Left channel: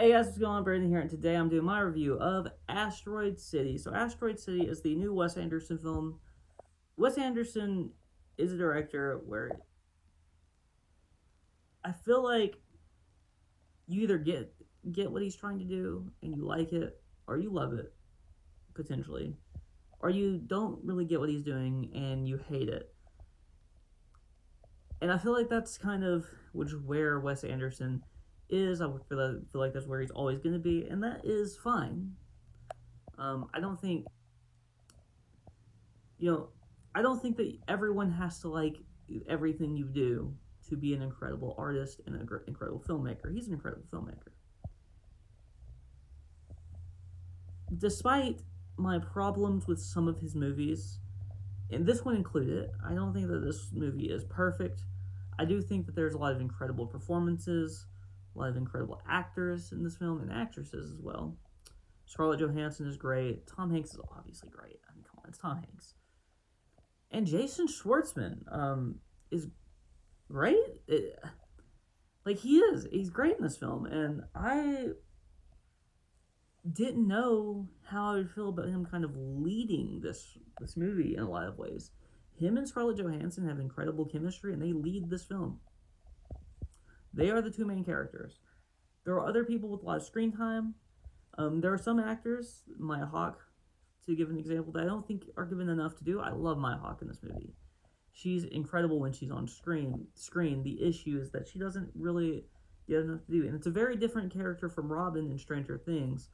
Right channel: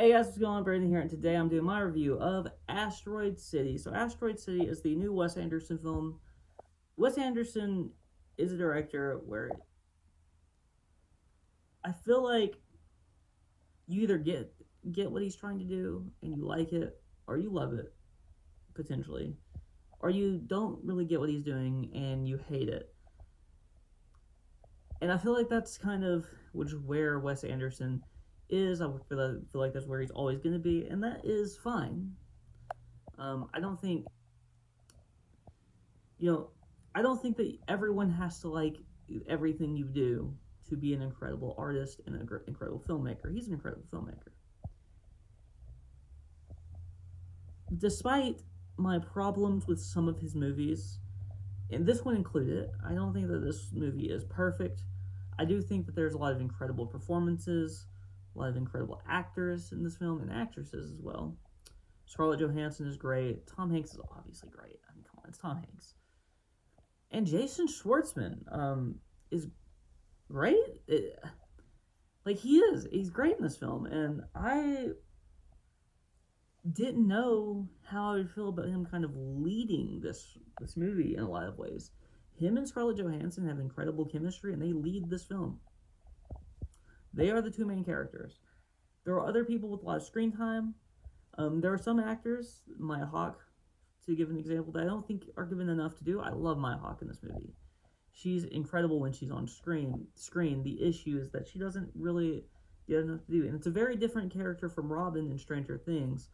Hey guys, what's going on? Brandon here, and today I'm doing my review of Asteroid City. So, Asteroid City is the new Wes Anderson film. Wes Anderson is a director where I feel like you either get what he's trying to do and you like it, or you love it potentially, or you don't really get what he's doing and you hate it. And I feel like that's kind of which is where Wes Anderson is. I feel like that's where he's always going to be, and that is fine. I don't think you know. I don't think that everyone has to like everything you do to be an incredible artist and an incredible filmmaker. He's an incredible filmmaker. Despite my problems with some of his movies, and this one included, I don't think that this movie is perfect. I do think that there's a lot of incredible performances, a lot of incredible actors in this film, and actresses as well. Scarlett Johansson is great. Tom Hanks is obviously great. I mean, come on, it's Tom Hanks. And Jason Schwartzman is great. Like, he is. He's great in this film. And I didn't know how I would feel about him kind of leading this movie in a lot of ways. Him and Scarlett Johansson have incredible chemistry, and they lead this film. They are the two main characters. There are other people with a lot of screen time. There are some actors, Maya Hawke, to give an example, that I don't think are given enough to do. I love Maya Hawke in this movie. She's incredible when she's on screen. The issue is that she doesn't really get enough to do, and it's a very different character from Robin in Stranger Things.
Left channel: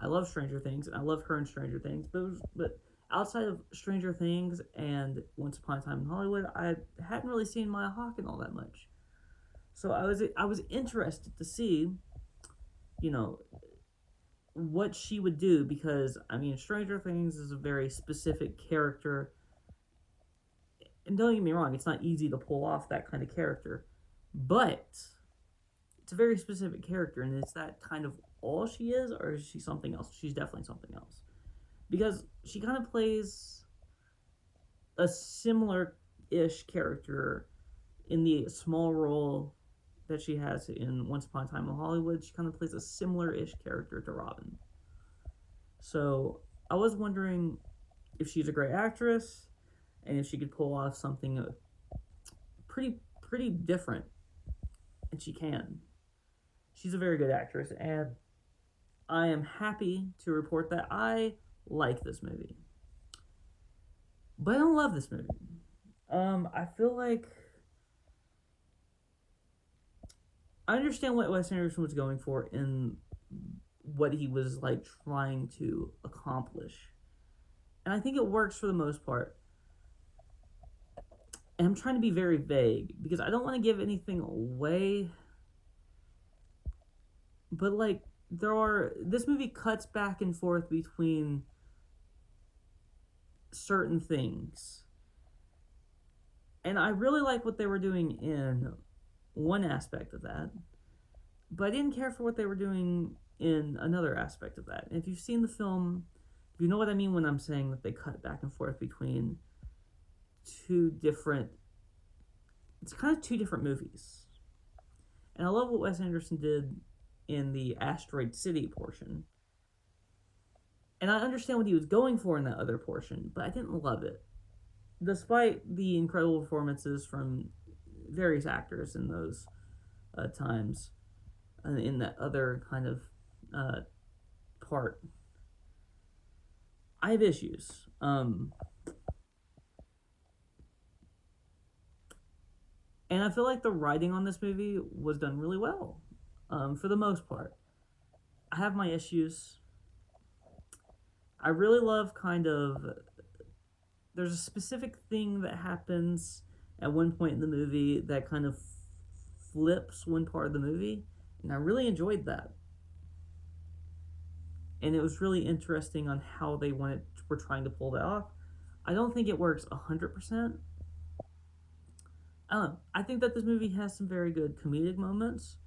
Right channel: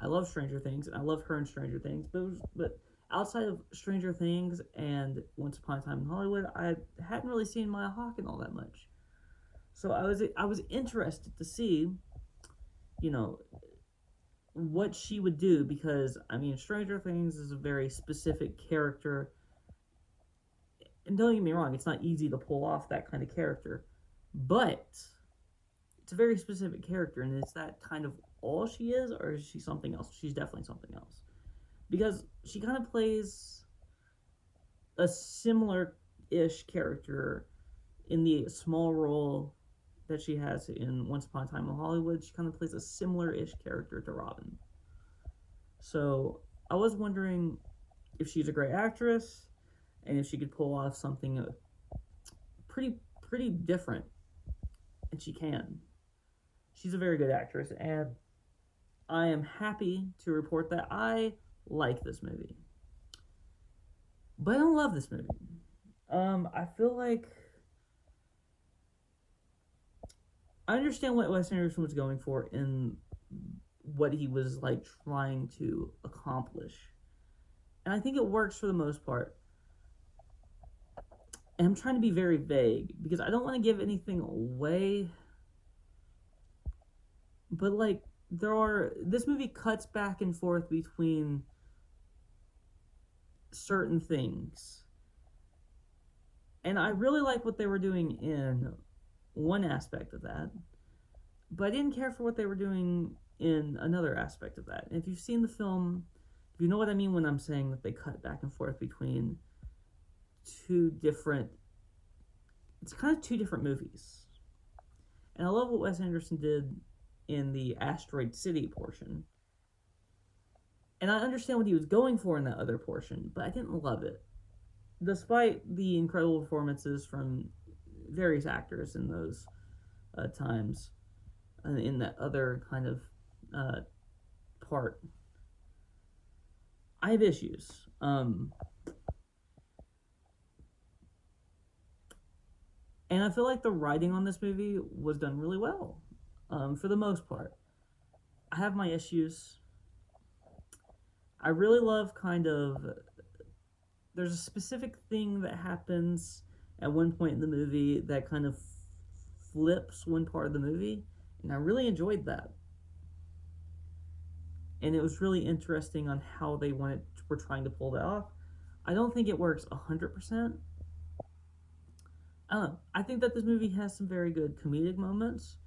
I love Stranger Things, and I love her in Stranger Things, but outside of Stranger Things and Once Upon a Time in Hollywood, I hadn't really seen Maya Hawke in all that much. So I was interested to see, you know, what she would do, because I mean, Stranger Things is a very specific character, and don't get me wrong, it's not easy to pull off that kind of character, but it's a very specific character, and is that kind of all she is, or is she something else? She's definitely something else, because she kind of plays a similar-ish character in the small role that she has in Once Upon a Time in Hollywood. She kind of plays a similar-ish character to Robin. So I was wondering if she's a great actress and if she could pull off something pretty different, and she can. She's a very good actress, and I am happy to report that I like this movie, but I don't love this movie. I feel like I understand what Wes Anderson was going for in what he was like trying to accomplish, and I think it works for the most part. And I'm trying to be very vague because I don't want to give anything away, but like this movie cuts back and forth between certain things, and I really like what they were doing in one aspect of that, but I didn't care for what they were doing in another aspect of that. And if you've seen the film, you know what I mean when I'm saying that they cut back and forth between it's kind of two different movies. And I love what Wes Anderson did in the Asteroid City portion, and I understand what he was going for in that other portion, but I didn't love it, despite the incredible performances from various actors in those times, and in that other kind of part. I have issues. And I feel like the writing on this movie was done really well, for the most part. I have my issues. I really love there's a specific thing that happens at one point in the movie that kind of flips one part of the movie, and I really enjoyed that. And it was really interesting on how were trying to pull that off. I don't think it works 100%. I don't know. I think that this movie has some very good comedic moments,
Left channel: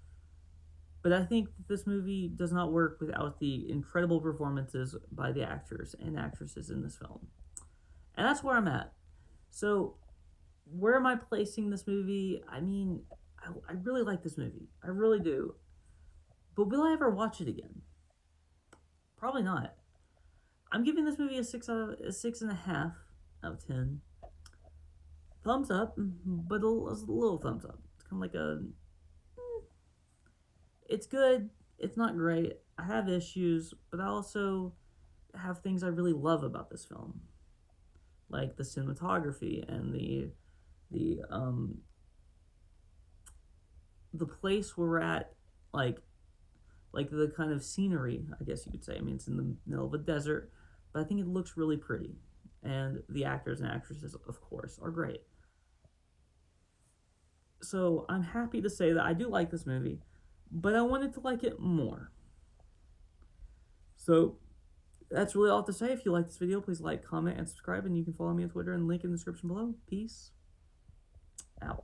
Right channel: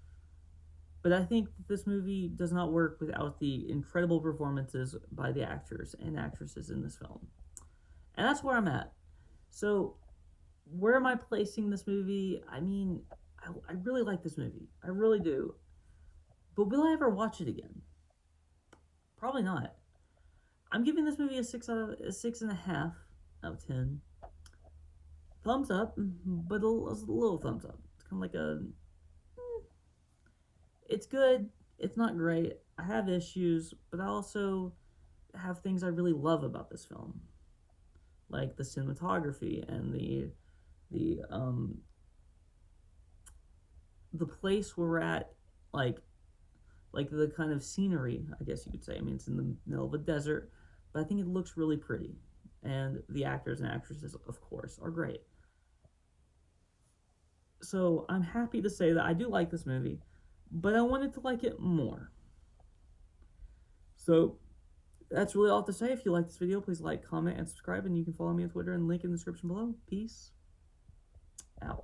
but I think that this movie does not work without the incredible performances by the actors and actresses in this film. And that's where I'm at. So, where am I placing this movie? I mean, I really like this movie. I really do. But will I ever watch it again? Probably not. I'm giving this movie a 6.5 out of 10. Thumbs up, but a little thumbs up. It's kind of like a. It's good. It's not great. I have issues, but I also have things I really love about this film, like the cinematography and the place we're at, like the kind of scenery, I guess you could say. I mean, it's in the middle of a desert, but I think it looks really pretty, and the actors and actresses, of course, are great. So I'm happy to say that I do like this movie, but I wanted to like it more. So that's really all I have to say. If you like this video, please like, comment, and subscribe, and you can follow me on Twitter and link in the description below. Peace out.